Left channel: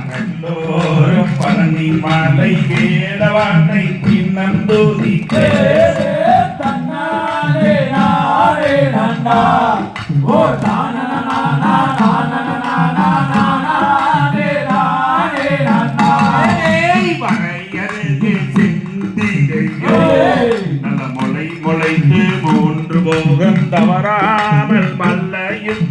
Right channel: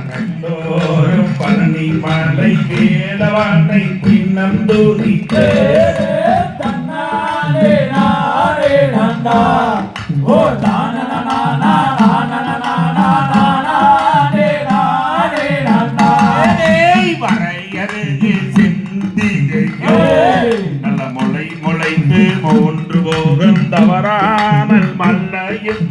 கையிலோரும் பழனி மாலை வேலவானை பின்னந்தூரி வரையருகு சிந்திகையோ நல்ல முளை முளைத்து மூன்று போகம் தவறாமல் மல்லையும்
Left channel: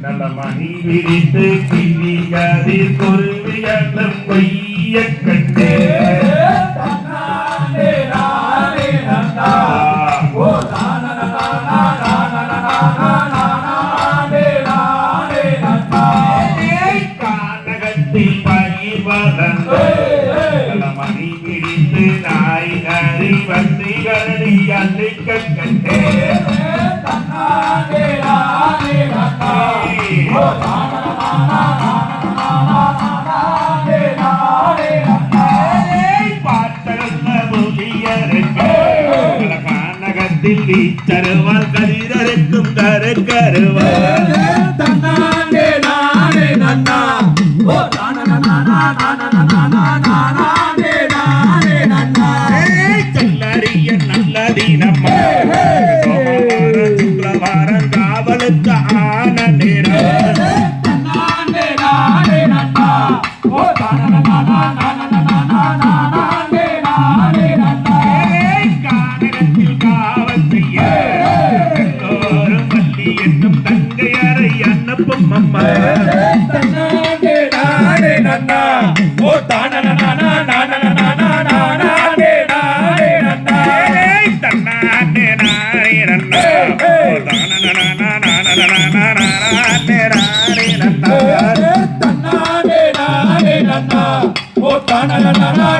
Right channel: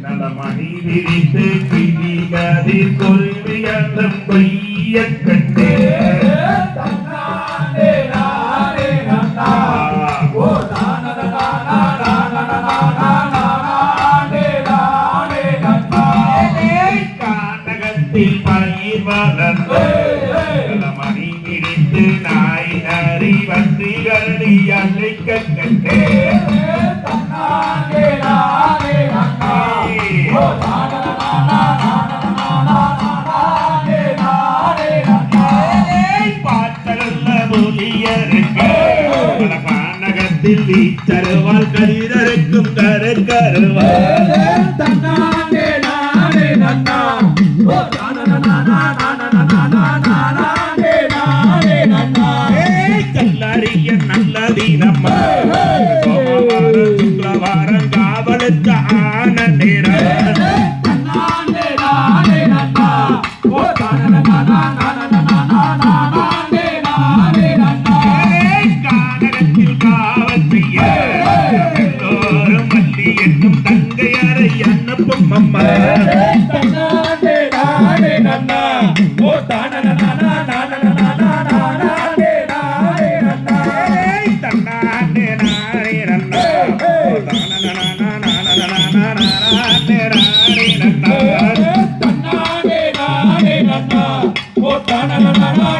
நல்ல மணி விரித்து கிளிகதி கொள்விகளும் கொய்ய கட்டே கானகத்தில் பயிர் வளர்ந்து மணி விரித்து நாய் ஹரி வந்தி கரடி அன்றைக்க கட்டே பானகத்தில் வீச்சருவால் கதிரருக்கும் கருக்கருவால் கல்லறிய நல்லதீனம்மா சுக்லவாரம் காவலுக்கு ஆன நேரம் கானகத்தில் காவல் செய்ய எல்லோரும் பள்ளி என்னும் தங்கையரை அனுப்பும் அம்மா Oh,